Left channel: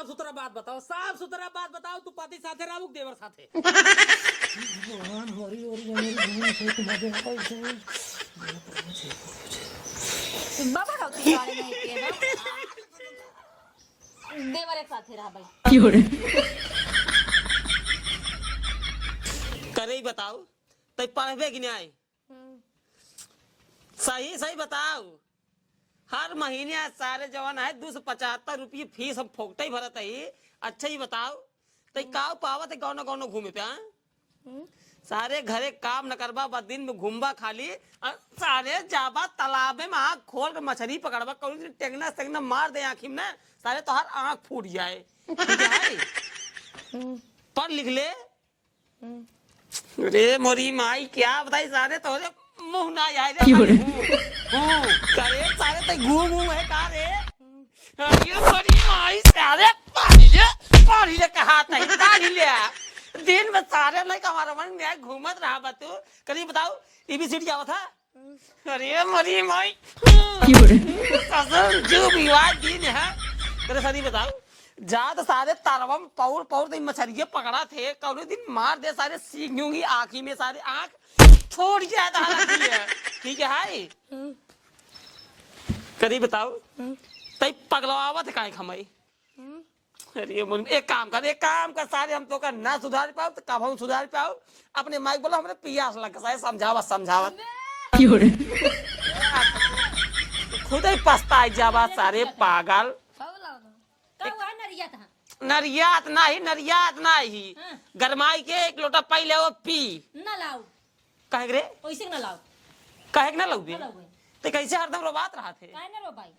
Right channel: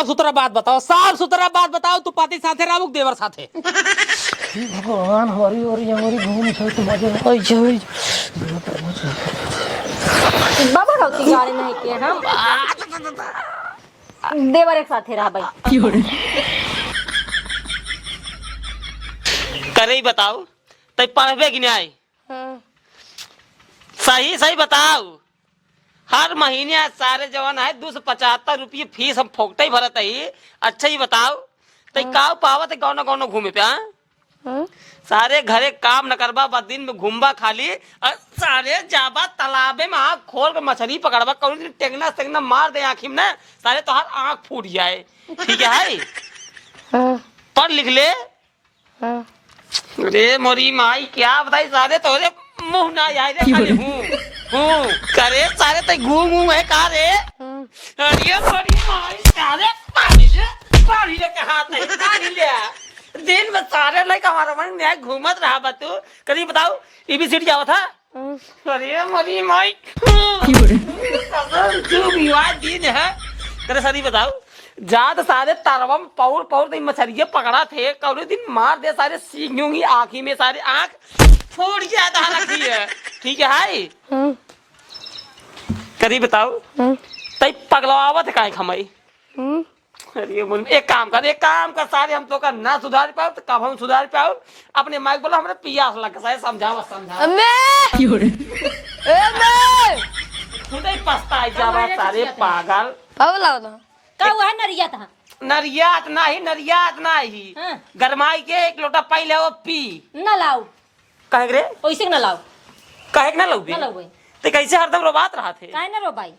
साफ सुथरा बात बताओ, साफ सुथरा बात बताओ। तू पति साथे रामुक देवर साथे? भगवान हरी हरी हमारी घूम से तो मजे होई होई बाबा रहती गाड़ी नहीं के हम देवर एक साथे रह भाई। करे ही बताओ तै पढ़बे कि नहीं? सही सही बताओ। हर महीने सारे जवान है 275 रुपये फीस हम फोकटे ही भरत है। अच्छा ही बताओ तै का पावत गौना गौना घूमे पे? सारे घरे काम न करबा, बस दिन में घूमबा खाली, और सारे जाबा तालाबे में आँख खोल के मछली पकड़बा, कौन दिन टेंगना टेंगना मार दे आँखी में ना, सारे तो हर आँख फूट जाए। ठीक है? पढ़ लिख ले। अरे मोरी माई क्या बताई, सारे तोरे मुंह ना आए करे सारे तो घूम है का रे? अरे मोरी माई सारे पानी ले कहा दिन में सारे नहीं हमारा मन न्याय घूमत रहा बा। तू कभी बताओ एबीसीडी जावा था? अरे मोरी माई जो विवाह दिन है तेरे सदी बताओ जात सारे तारवम पौर पौर दिन मछलियां पकड़ा थे, कौन दिन मार दे सारे सींगूंगी आँखी में, सारे आँख छोड़ गया था। ठीक है? करी बताओ तई पगलवावत है काहे खमई? अरे एक काम कर सारे हम तो का ना सुधार पाओ तो कब हम सुधार पाओ? अपने माइक बोलो हमरे पियास लग सारे समझा खुदे पछताई जावा सारे पागल। का हुआ है नरियत? नरियात नहीं गरमाई के एक लोटा पहले वो पी ना लाओ कहे रे ओइसे ना लाओ कहे ना लौबी ते कैसे हरदम रोबात रहा थे? काहे ना रो भाई?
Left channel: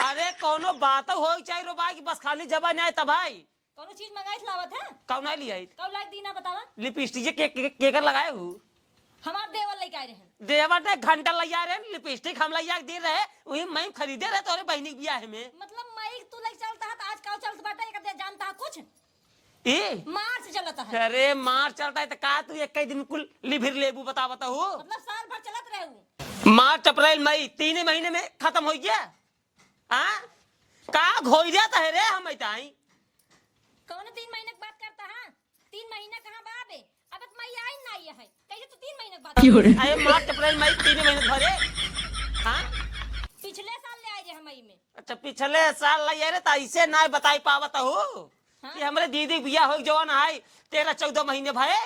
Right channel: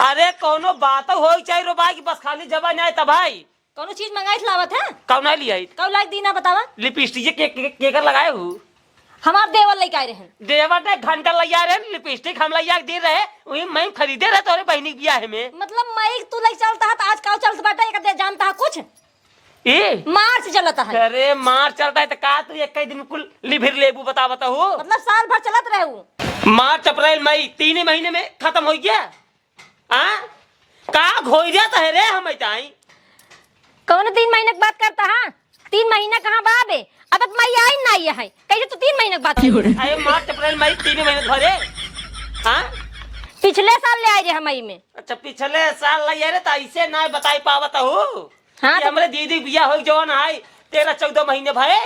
अरे कोनो बात हो चाहे रो भाई की बस खाली जबान आए तब भाई कोनो चीज मंगाई लावत है? कौन आई लिया? कौ लाइक दीना बतावा। लिपस्टिक के कर लगाए हो? हमार देवर लेके आए रहे। देवर ने घंटा लिया रहे, लिपस्टिक हम लिया दे रहे, वही मैं खरीदे रहे तोरे बहनी ब्याह में। मतलब मैं तू लेके चलता है तो आज का चलत बाटा एक दे जानता है कुछ? ए मार्च चलता है। अरे मार्च चलता है तो का तू एक कई दिन कुल लिभिर लेबू बता हो? मतलब साल भर चलत रहे हूँ। मार्च अप्रैल मई 3 महीने में खत्म हो गया। हाँ का घोई जाता है रे हम आई कौन 3 महीने की बात करता है? 3 महीना कहाँ बाबे? अब तक मई आई ना आई है कैसे तू 3 महीने की बात? अरे मार्च अप्रैल मई 3 महीने भरे। हाँ पिछले साल ले आए रे हम मई में। अच्छा पिछले साल ले रे तो ऐसे ना बताई पावत हो? हाँ तो हमरे दीदी बिया हो जवन है 13-14 महीने भरे।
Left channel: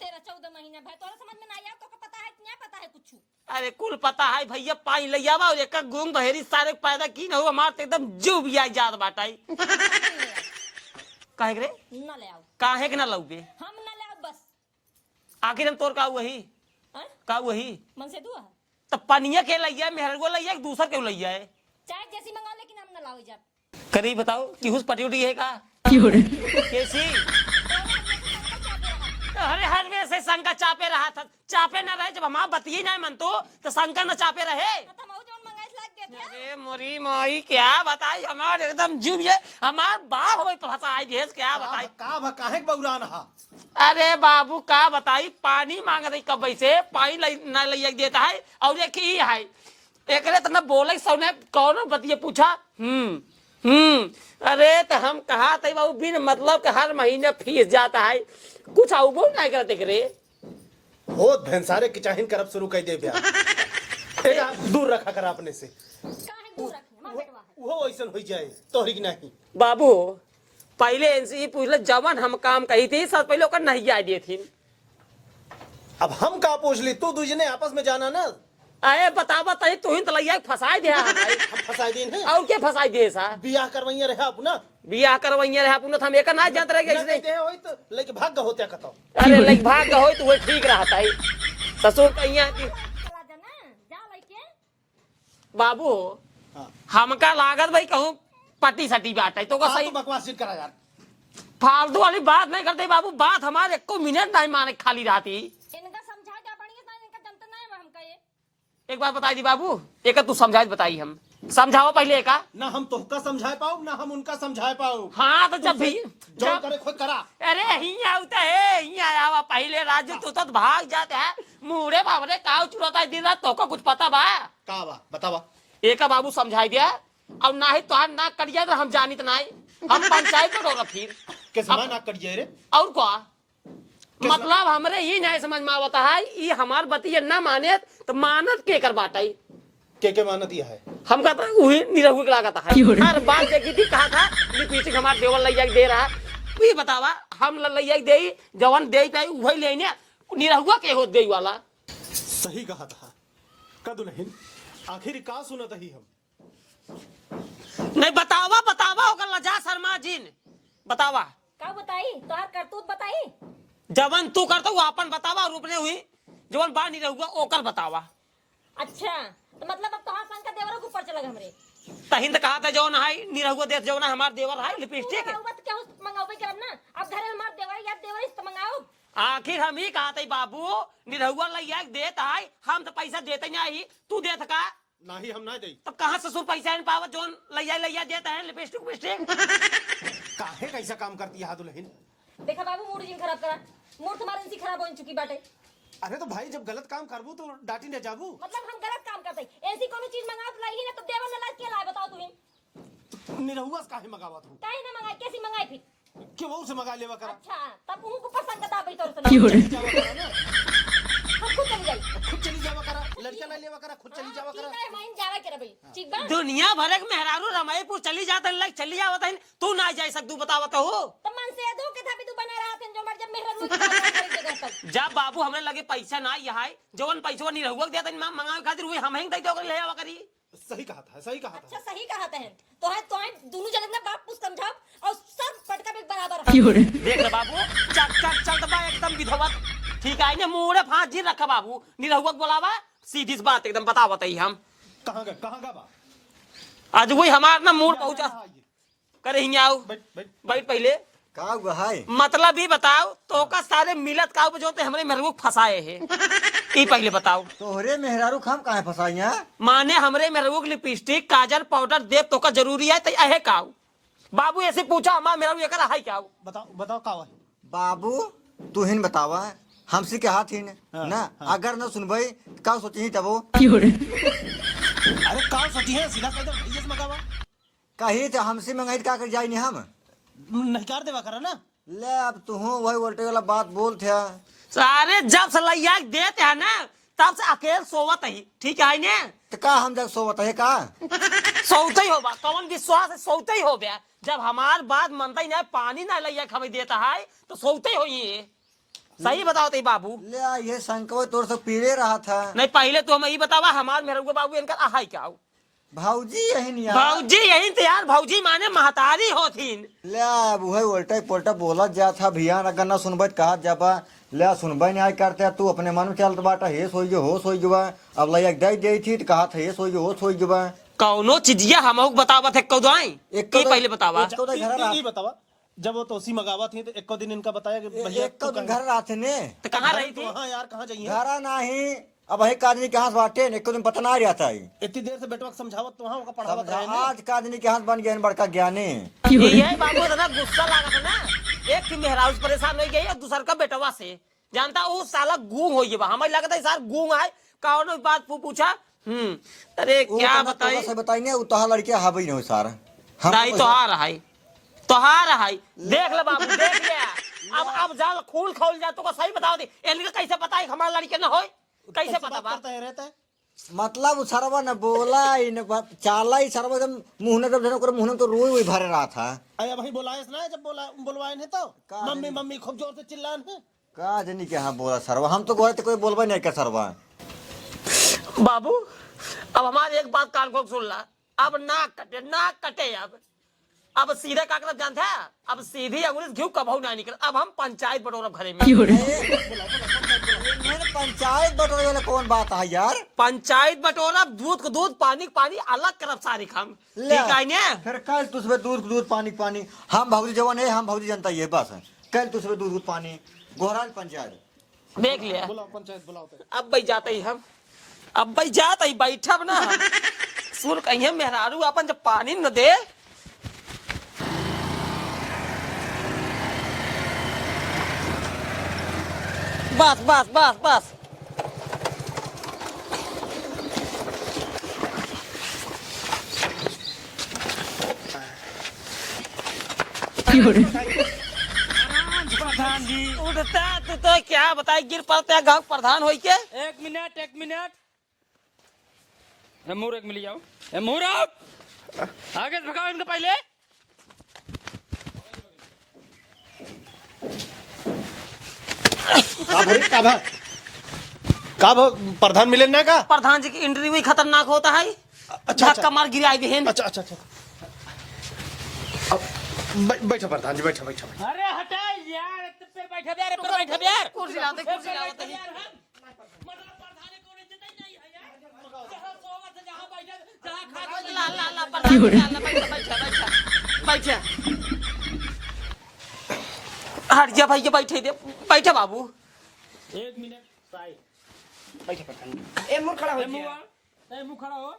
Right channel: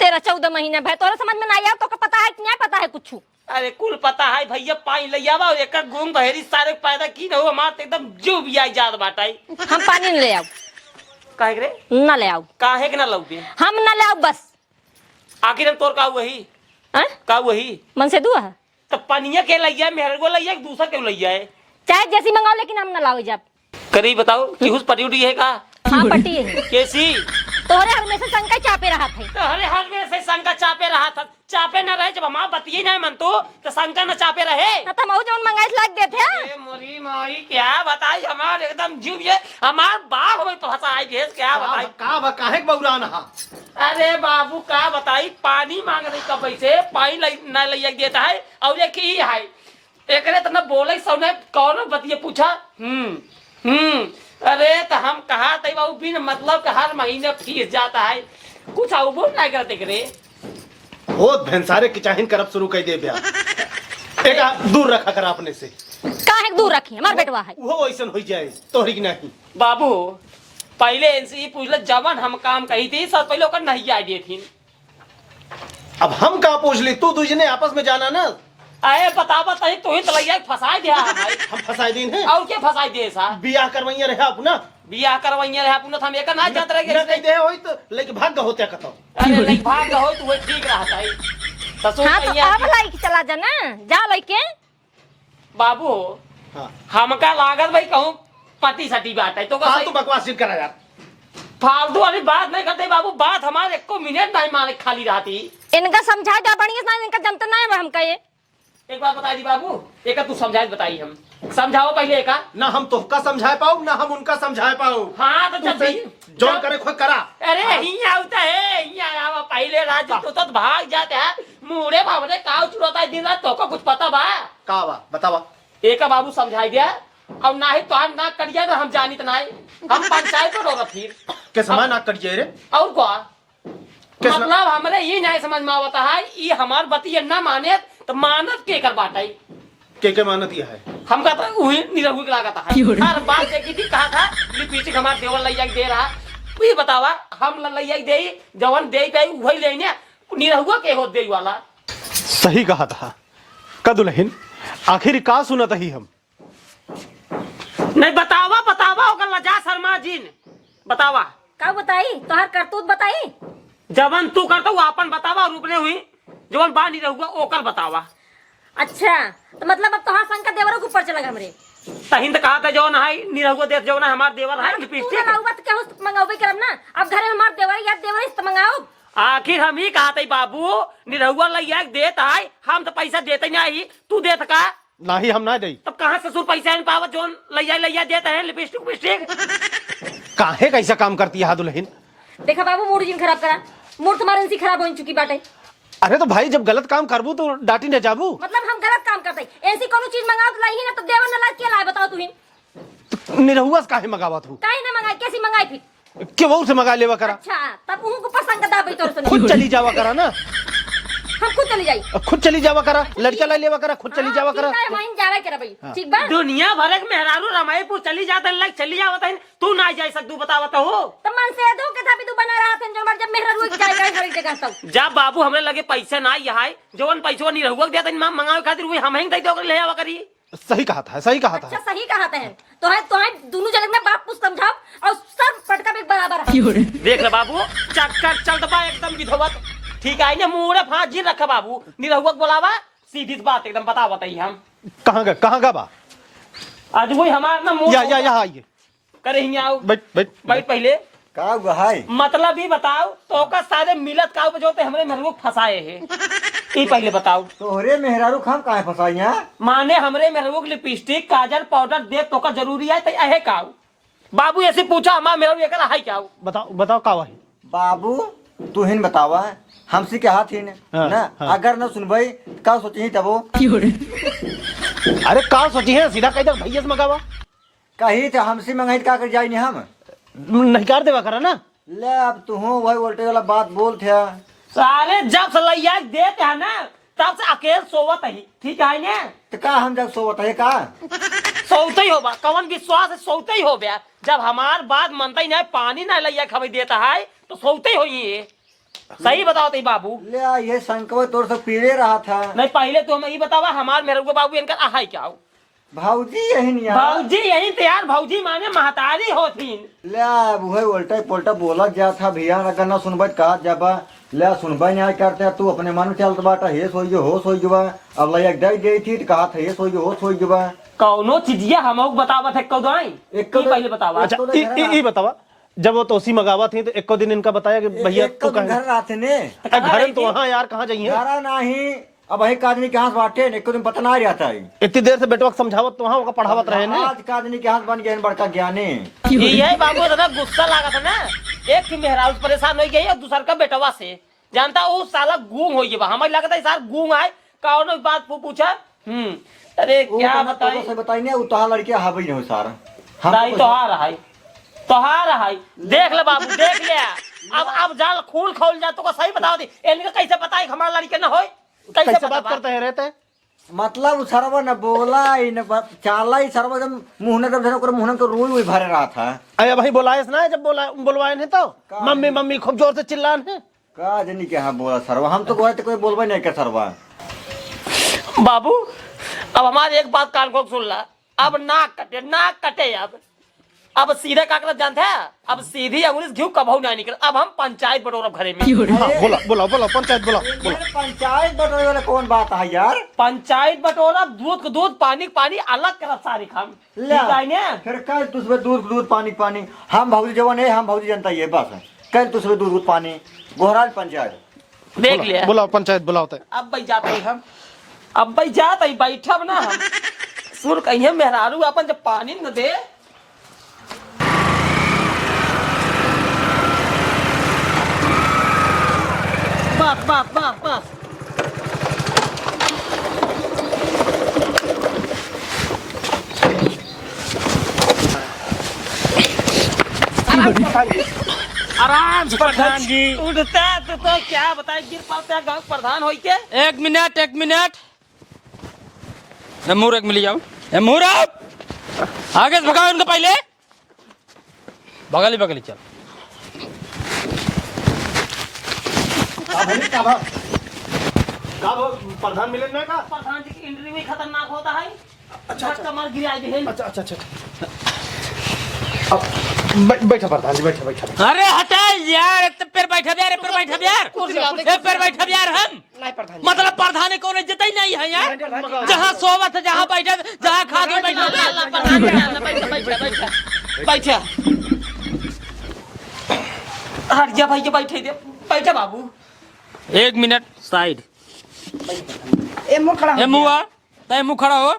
13-14 महीने भाई तोरा समझ में ना आया तो पता है कि नहीं पता है कुछ? अरे कुल पता है भैया पानी ले आवा एक घूम बहेरी सारे पैदा की न हो हमार एकदम जो भी आई जात बाटाई। हम पानी ले आओ काहे रे ना ले आओ काहे के ना लौबे? हम ना ले आओ बस। आखिर हम तोर का वही का वही मन से दुआ है तो पनिया के लइया मेहर को लइया दूसरा क्यों लइया है? चाहे जैसी मंगाओ लेकिन हम ना लाओ जब करी बताओ कि उस पटी उठी है का? हाँ पटी है। कैसी? तोरे हर में से शंका चापे रहा था। अरे हर में से शंका चापे रहा था। चापे न रहे जब हमारा बतिये नहीं मन तो शंका न चापे रहे ना तो मऊ जवन मंगाई लाग दे थे। मोरी मोरी क्या बताई हमार एकदम जीव ये हमार बाप हमें फंसाई देश क्या बताई का काहे बौरान हा? अरे बाबू का बताई पानी मांग रही कब से पानी न लिया देता है और ये की है एकरे तो न बोले सोने कौन बतिये पूछा। अरे तो हम कहा थे बाबू बिन मतलब के हर महीने फीस जाता है कुछ आओ बोल नहीं करते करे बहुत भैंसारे की चाहिन करब शुरू कर दे बया। एका दूर रखा कर अपने से। काहे दूर रखी हमार बेटवा है वो ऐसन हो जाए तोहरी की नहीं। बाबू पहले इनसे पूछ ले जवन हम काम कही थी सब पहले ओकर नहीं आइडिया थी। अब हम का पूछ ले तू दूजने आपस में जाना ना। अरे बतावा तही तू ही तो लइया फसाई दे हम फसाई दिन है और क्या फसाई दे सा बियाह करवैया रहे अपना बियाह करवैया रहे अपना हम एक ना जात रहे नहीं दे होई तो लेके भाग होते कतो। अरे नहीं भाग होई तो वो ठीक रहता है तो सो हाँ तो अब लाइक चला जा ना जा लइके। बाबू हां हमका लागत भाई कहूं पति सटी बात है तो हां तू बकवास सिर करा यार। फालतू वाली बात नहीं करते बाबू बात हमारे एको मिनट नहीं माने खाली रहती। इनका समझा जा बढ़िया ना इनका जनता ना है हम कहे। एक बात बताई दी बाबू एक तू समझाई बताई हम समझाओ पहले एक ना हम तोहका समझा पाऊ ना हम उनका समझा पाऊ। हाँ तो जब जो करे खुद करा। अरे हिया होता है हिया आवा पहले राज तो भाग जाते हैं मुड़े बाबरे काउ चुराता है दिन रात तो को कुछ पता बा का बा बतावा। एक बाबू समझाई दिया और ना ही तोहार नाक कट जाए हम जानी तो नहीं हम पंचायत में होगा फिर कैसे ना कट जाए रे? और क्या कैसे मतलब हमरे ये नहीं समझ में आवता है ये हमार बतिया ना माने तो मानत के कर बाटा के मानत यह है? हम कहता है वही निरहुआ के लागता है हर बात देखी थी कहा था ये पीछे हमारे देवर लैया दे रहा ये बतावा हम लैया दे जवन दे पे वही लेने निरहुआ के हो दे वाला सही कहा था का दुल्हन, आखिर का सुनत ही हम? नहीं बतावा बतावा ओकर लजा शर्मा जी ने बतावा का बताई तोहार करतूत बताई। जवन तू करता वो अपन बतावा और रुकने हुई जवन बा निरहुआ ओकर बतावा। अच्छा तो मतलब अब तोहार संग का देवरों के ऊपर चला हमरे तहिन तो कहा था जौन है निरहुआ देख जौन है हमार देवर है तू लिपस्टिक ना लाऊबा तो क्या हो मंगाओबे करब ना। अब घरे में हमार देवर याद देवर इस मंगाओ। आखिर हम ही कहा थे बाबू निरहुआ लैया देता है हम तो पैसा देते नहीं तू देता का ना ही हम ना दे। तब कहाँ ससुर पैसा नहीं पावा जोन लैया देता है लिपस्टिक विपस्टिक काहे कैसा काम करती है दुल्हन? देखा बाबू मूड जिन खराब करा मूड तुम्हारे इनसी खराब हो चुकी बाटे। अरे तो भाई जब गलत काम करबू तो डांटी न जाबू। मतलब हम गलत काम करते ऐसी कोनो चीज मंगाओ तो लाई ही ना तो देवर न ला के लाए बताओ तुहिन तो निरहुआ से काहे मंगावा तू? काहे ना मंगाई कैसी मंगाई फिर क्यों वो से मंगा लेवा करा? अच्छा तब उनको को पसंद का दाबई तोर सुन खुद चली जावा करा ना, हम खुद चली जाई खुद चली जावा करा, लड़का ला लेवा करा, खुद चली जावा करा। वहीं जावे करे भाई ठीक बा। दुनिया भर के मेहरारू रमाईपुर चली जाता है चली जावत है तू ना जा सकदू बतावत हो तो मन से दो के था भी तू बना रहा था जो मर जब मेहरा रुई जाए खरीद के कहता हूं जब बाबू हमरे लगे पैसे ना यहाँ जवन पैसा नहीं रहुआ देता मंगावे खातिर वही हम ही देते ले आवा करी। सही कहा था, सही कहा अच्छा था। सही कहा है तो है दोनों जगह में बाप कुछ समझाओ और सब पटका भी बराबर है। देख ले बाबू चल दबा एकदम विधवत ठीक है मुंह फाँस जी रखे बाबू निरहुआ बोलावा सीधी सी बात एकदम बता बताइए हम कहाँ गा बा? आज वही हमार ना मुंह यहाँ आइए, करे ही आओ बैठ बैठ बैठ पहले का भाई मतलब भी बताओ तो का सारे मिलत का जो हमरे मेरे को फंसाए हैं ये पहले बताओ तोहरे मेहरारू खाम काहे फसाइया? माने हमरे मेरे को लिपस्टिक काजल पाउडर दे तो का जरूरी है तो आहे काऊ बाबू ऐसे पूछा हमार मेरा लेकर आहे क्या बताओ बताओ का है? बाबू तू हिन बतावा हमसे के हाथ हिन हाँ, ना हाँ। अगर न सुनबई का सोची तबो अरे का सोची है सीधा कह दे भैया से मंगावा, कही तो हमसे मंगाई का कर जाई नहीं हम नहीं कर देवा करा ना। ले अब तू वही उल्टे वाला बात बोल थे। सारे जब सलैया देते हैं ना तब से अकेले सोवत ही ठीक है ना तो का हम जग सोवत है का सोते ही होगा कवन विश्वास है सोते ही हो गया जब हमार बात मनता ही नहीं पानी ना लैया खबर देता है तो सोते ही हो ये सही बताओ ती बाबू। ले आ ये संकवा तोर से पीड़े रहा था। नहीं पहले तो हमें ये बतावा हमार मेरे को बाबू इनका आहे क्या भाऊजी यही नहीं भाऊजी यही तो यार भाऊजी माने महतारी होतीन ले अब वही उल्टा पुल्टा बोला जा था भैया अगर न सुनबई कहा जाबा ले सुनबई नहीं करते तू अपने मन चलत बाटा हे सोई जो हो सोई जबा अब ले एक दई दई थी तो कहा था हे सोई जो हो सोई जबा कौनो चीजिया हमको बतावत है कौदाई एक पहले बतावा अच्छा, तो घर ये बतावा जब वो तोसी मंगावा थी तो एक दिन इनका बताया कि भैया तू घर कहे रहते ने घर तो वहाँ यार कहाँ जाइए? घरा नहीं अब वही कादनी के हाथ बाटे एक दिन पता नहीं रहता है इतनी देर से बेटवा समझावत तो वहाँ पढ़ावत रहे ना। आज कादनी के हाथ बन गए बड़का ज्ञानी। ये बाबू दादा गुस्सा लगा था ना एक मेहराज परेशान हो गई और दूसर का बेटवा से जानता वो साला गूंग हो गया हमें लगता है सार गूंग आए कौन बात पूछा अरे क्या बताई बताइए उताहा लड़के हबई नहीं सारा दाई तोहार है देख ले बाबू देख ले अब जाल खूल खोल जा तो सही बताओ दे इनका कैसे पता है हमारा लड़के न हो कैसे बात करते हैं रहते हैं? मतलब सरवा न बोला न चाला ही सरवा एकदम मुंह न जब मुंह तो रुई हुई भरे रहा था। अरे भाई बोलाए ना जब बुलवाए नहीं तो मम्मी मम्मी खूब जोर से चिल्लान है का जनी के हाँ बोला सरवा हम तो बोले थे कोई बोलबा नहीं कर सरवा। बाबू अब हमारे एक बात कान को सुन ला अब नाक कटे अब सीधे काकरा जानते हैं अब सीधी अंगुली घी कबहू नहीं निकल अब हम पंचायत बटोरब घरे में। बोला पंचायत बोला पंचायत बटोरे वाला कौन बात है यार? पंचायत बटोरब दूध को दूध पानी को पानी अलग करब सारी काम फिर कल तुझे दूध पानी पानी हम भाजी जवान है हम भाजी जनता ये बस है कल तुझे दूध पानी गोहराज पंचायत देख लिया बोला पंचायत बुलाते अब भाई जाते ही हम अब भाई जाते ही बैठब ना सुर कहिए मेहरारू अपन जब पानी न दे बस आराम से प्रधान जी। उड़ता तो क्या बताए गिर पड़ता है गांव प्रधान होई के। एक मिनट मुंह रख मिली जाओ। मुंह आगे से भगाओ उनको पहले। बगली चल। का प्रधान मिले ना का? प्रधान जी की इंटरव्यू ही खतरनाक होता है। अच्छा कमाल गिराई बहन। अच्छा बैठा प्रधान जी, बैठा। अरे हटा यार, एक तो पैर बैठा यार, पैर बैठा यार। हम मतलब प्रधान कौन इज्जत ही नहीं है यार। जहाँ सोवत है, जहाँ बैठा, जहाँ खा के बैठा। बैठा हट जा भाई, बैठे दे। बैठा बाबू। एक मिनट साइड। मुंह खड़ा हो।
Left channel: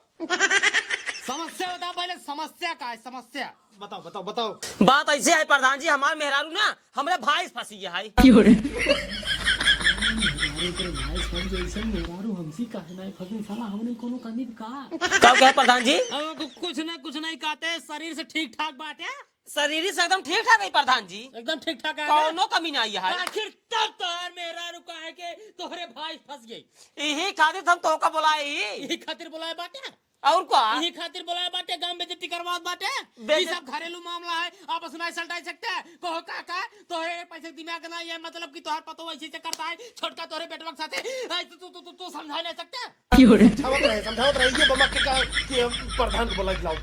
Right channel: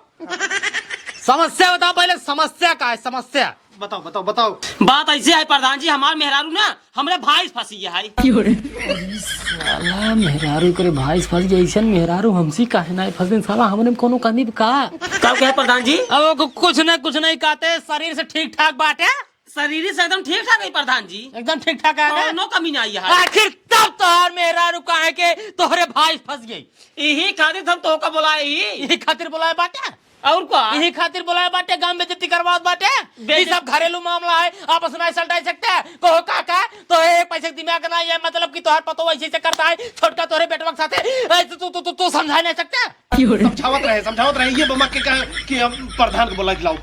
समस्या बताओ पहले, समस्या का है समस्या। बताओ। बात ऐसे है प्रधान जी, हमार मेहरारू ना हमरे भाई फंसी है। मेहरारू करे भाई फंस जैसन मेहरारू हमसी काहे ना फंसे साला, हमने कोनो कमी का। कब क्या प्रधान जी? अब कुछ नहीं कहते, शरीर से ठीक ठाक बात है। शरीर से एकदम ठीक ठाक है प्रधान जी, एकदम ठीक ठाक है। नो कमी नहीं है। आखिर तब तोहर मेहरारू काहे के तोहरे भाई फंस गई। यही खातिर हम तो का बुलाए यही खातिर बुलाए बाटे। और क्या? यही खातिर बुलाए बाटे, गांव में बेइज्जती करवात बाटे। ये सब घरेलू मामला है, आपस में सलटाई सकते हैं। कहो काका तो एक पैसे दिमाग नहीं है, मतलब कि तोहर पतो ऐसे से करता है, छोटका तोहरे बेटवा के साथे तू समझा नहीं सकता। समझावत रहे ये बमा के कहे कि हम प्रधान को बुला के लाओ।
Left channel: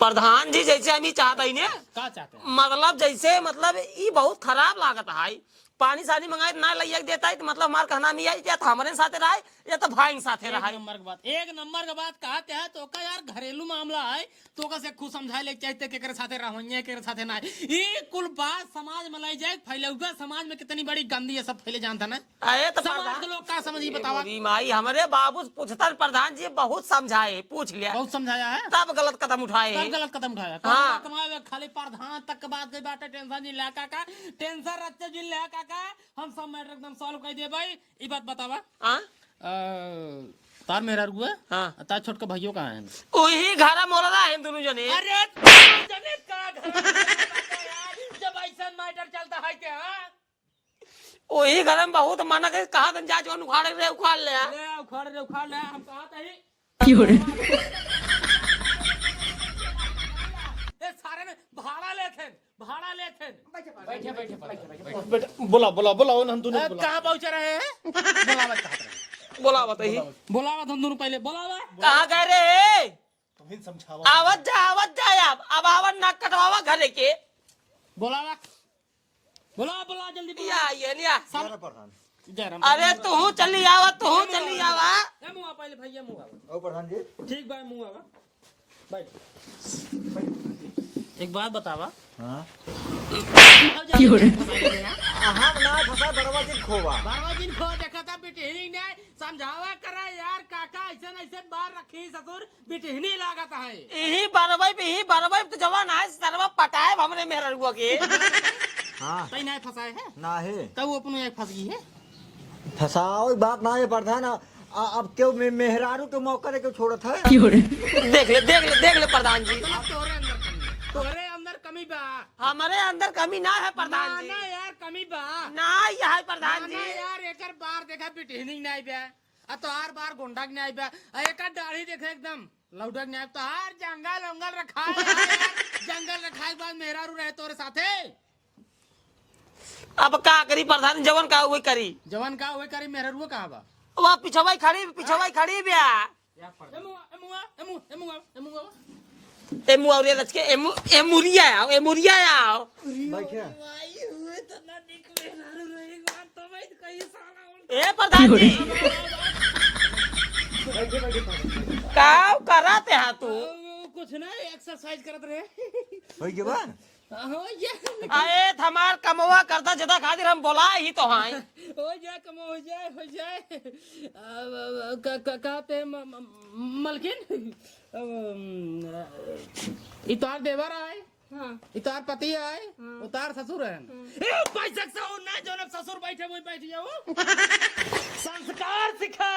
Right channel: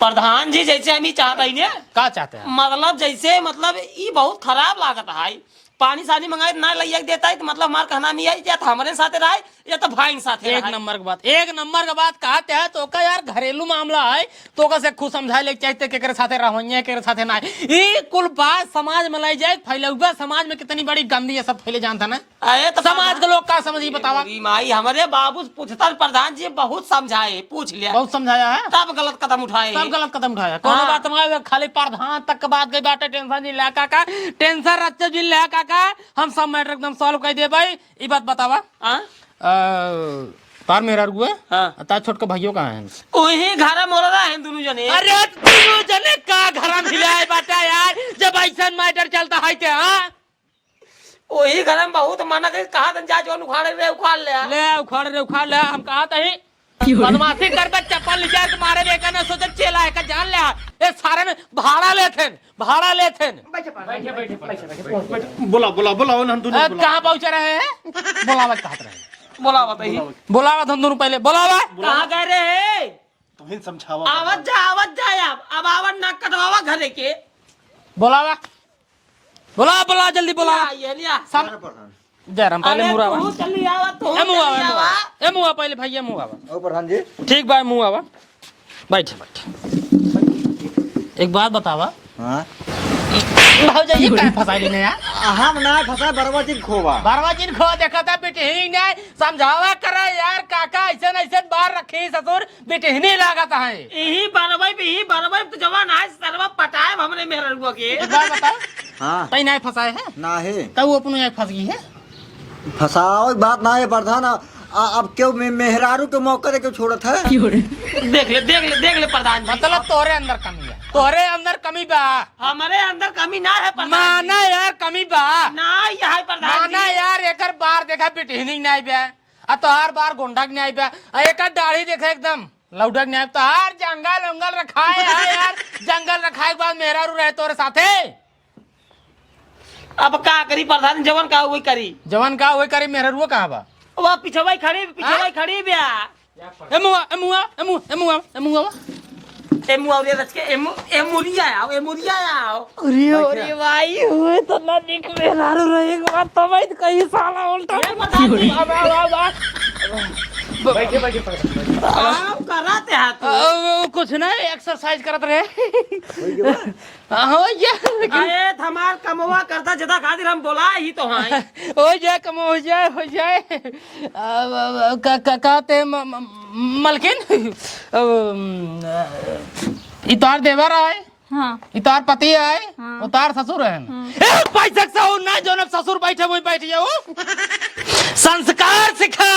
प्रधान जी जैसे हम ही चाहते हैं का चाहते हैं मतलब जैसे मतलब ये बहुत खराब लागत है। पानी सानी मंगाए ना लइया देता है तो मतलब हमार कहना नहीं है या तो हमारे साथ रहे या तो भाई साथ एक नंबर की बात कहते हैं तो का यार घरेलू मामला है तो का से खुद समझाए ले चाहते के साथे रहइए के साथे ना। ये कुल बात समाज में लाई जाए, फैलौगा समाज में कितनी बड़ी गंदी है, सब फैले जानता ना। अरे तो समाज के लोग का समझी बतावा। माई हमारे बाबू पूछता प्रधान जी बहुत समझाए, पूछ लिया, बहुत समझाया है, तब गलत कदम उठाए। कोनो बात में खाली प्रधान तक के बात गई बाटे। टेंशन नहीं ले काका, टेंशन रखते जी ले काका, हम सब मैटर एकदम सॉल्व कर दे भाई। ये बात बतावा तार मेरा रुआ हाँ। तार छोट के भाइयों कहाँ हैं? वही घर मोर रहा है दोनों जने। अरे दोनों जने का घर दिया है बाटा यार, जब ऐसा मैटर चलता है के। हाँ वही घर में बहुत माना दे, कहा जा जो उखाड़ उखाड़ ले हम कहा था ही बदमाशी करके चप्पल ले जाए तुम्हारे बेटा ने सोचे चला है का जान ले। ये सारे में भाड़ा लेथे। बोला हम दोनों कहाँ पहुँचे रहे हैं? बोलावा चाहते रहे, बोला बताइए। बोलावा हम दोनों पहले बोलावा कहाँ गए रे? तुम समझावा। आवत जा अब आवत नाक कटवावा घरे के। बोला जल्दी बोला। ये लिया जयराम पहले मुरा तू चली आवत तो ए मुआ पहले भैया मुआ ओ प्रधान जी ठीक बा मुआ बा बैठ। एक बात बतावा। हां भौजाई का फसाई लेने यार। हम ना फसा बरवाचिन खो देखता बेटे ही नहीं समझावा करा यार काका, ऐसे बार रखे ससुर बेटे ही नहीं लागत है। यही बारवाई तो जवान है सर्व पटाए हमने मेरे रुआ के। हां तई नहीं फसाए है ना है तब वो अपने एक फंस गई है। फसाओ बात ना है प्रधान। अब क्यों मेहरारू के मौके दे के छोड़त है? देख ले प्रधान जी, मतलब तोरे अंदर कमी बा। हमारे अंदर कमी ना है प्रधान माना यार कमी बा ना है प्रधान माना यार। एकर बार देखा बेटे नहीं नहीं बा, आ तो हर बार गोंडा नहीं आई बा, एकर दाढ़ी देखा एकदम लौडक नहीं आई। तो हर जंगल रखाए है यार। जंगल रखाए के बाद मेहरारू रहे तोरे साथे। अब का करी प्रधान, जवन का वही करी। मेहरारू कहाँ बा? वो पिछवाई खड़ी ब्या। एमुरिया आओ। अरे भाई हुए तो ना दिख मेहरारू रहेगा तो भाई कहीं साला उल्टा। ये प्रधान जी आप कराते हैं तो कुछ ना एक्सरसाइज करत रहे। हो जाए अरे हमार कमवा करता जितना खातिर हम बोला ही तो हैं। हो जाए कहते मलकिन इतार देवर आए हाँ इतार पति है उतार ससुर है ए पैसा से हो ना जो ससुर बैठे वही बैठ जाओ संस्कार सिखा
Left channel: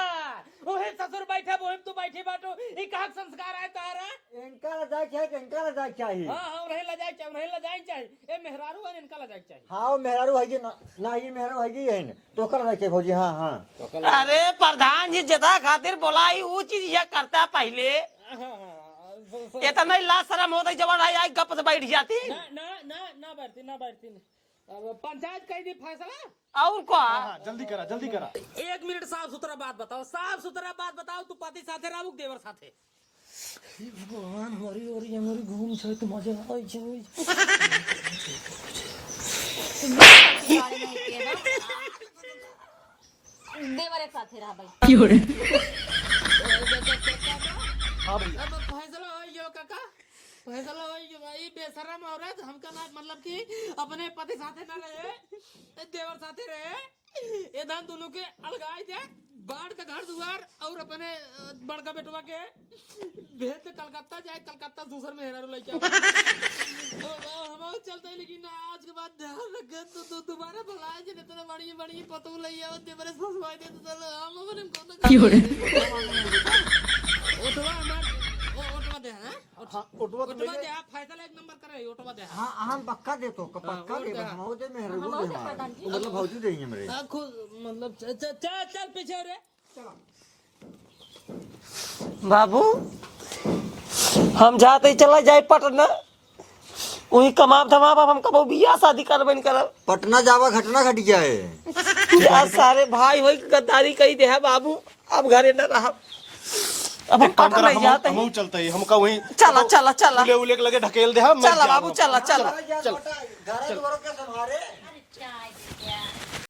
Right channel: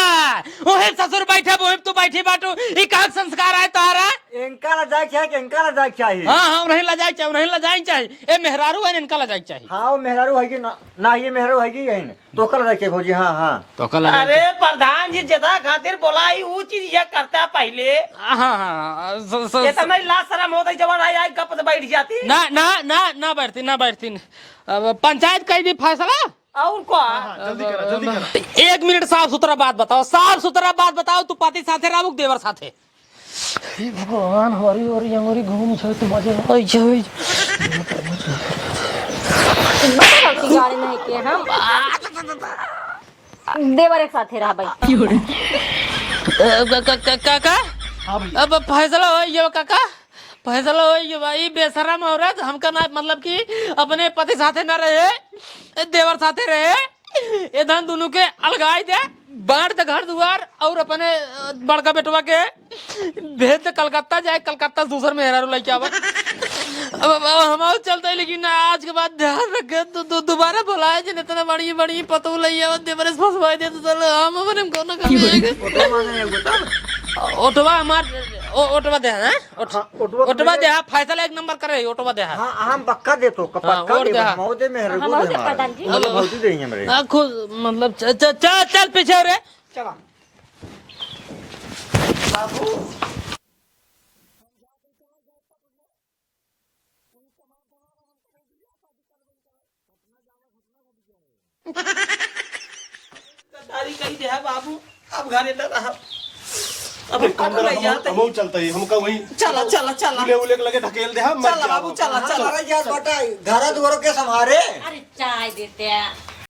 वही ससुर बैठे वही तू बैठी बाटू ई का संस्कार है तारा इनका लजाक चाहिए कि इनका लजाक चाहिए? हां हां नहीं लजाई चाहिए नहीं लजाई चाहिए ए मेहरारू है इनका लजाई चाहिए हाँ वो मेहरारू है कि ना ये मेहरारू है कि यही तो कल लजाक चाहिए भौजी। हाँ हाँ तो कल अरे प्रधान जी जता खातिर बोलाई वो चीज ये करता पहले हां हां ये तो मेरी लाश शर्म हो गई जवान आई कप से बैठ जाती ना ना ना ना बैठती अब पंचायत का भी फैसला और क्या जल्दी करा 1 मिनट साफ सुथरा बात बताओ तू पति साथे रामुक देवर साथे भगवान हरी हरी अंगुरी घूम छ तो मजे होई छै गाड़ी नहीं किए हम देवर एक साथ रहा भाई काका अब फैसला हो ये काका फैसला हो ये भाई बेशरम औरत हमका ना मतलब कि अपने पति साथे ना रहे देवर साथे रहे ये धन दोनों के अलगाई दे बांट दे घर दुआर और अपने बड़का बेटवा के भेज दे कलकत्ता जाए कलकत्ता से दूसर मेहरारू लेके आवा अब हम चलते हैं लेकिन आज के बाद ध्यान रखे तो दोबारा बुलाए जिन इतना बड़ी बड़ी पतो ले आवा देवर से फसवाई दे तो हम अपने को ना ओटवा हमार ओटवा दे हैं ओटवा दे फैसला 1 नंबर करे ओटवा दे हाँ हम पक्का दे तो पक्का दे मौजे मेहरारू दे प्रधान जी मतलब भौजी देंगे मेरे खुद मतलब चल पीछे रे बाबू हम जाते ही चला जाए पटना वही कमाब धमाब हम कबो बियाह शादी करबे नहीं करब पटना जावा घटना घट जाए यार सारे भाई होई गद्दारी कही दे है बाबू अब घरे न रहा अब पटना जाते हम चलते ही हमका वही चला चला चला उले उले के लगे ढकेल दे हम चला बाबू चला चला घर दुआरों के संभारे अरे चाय देते हैं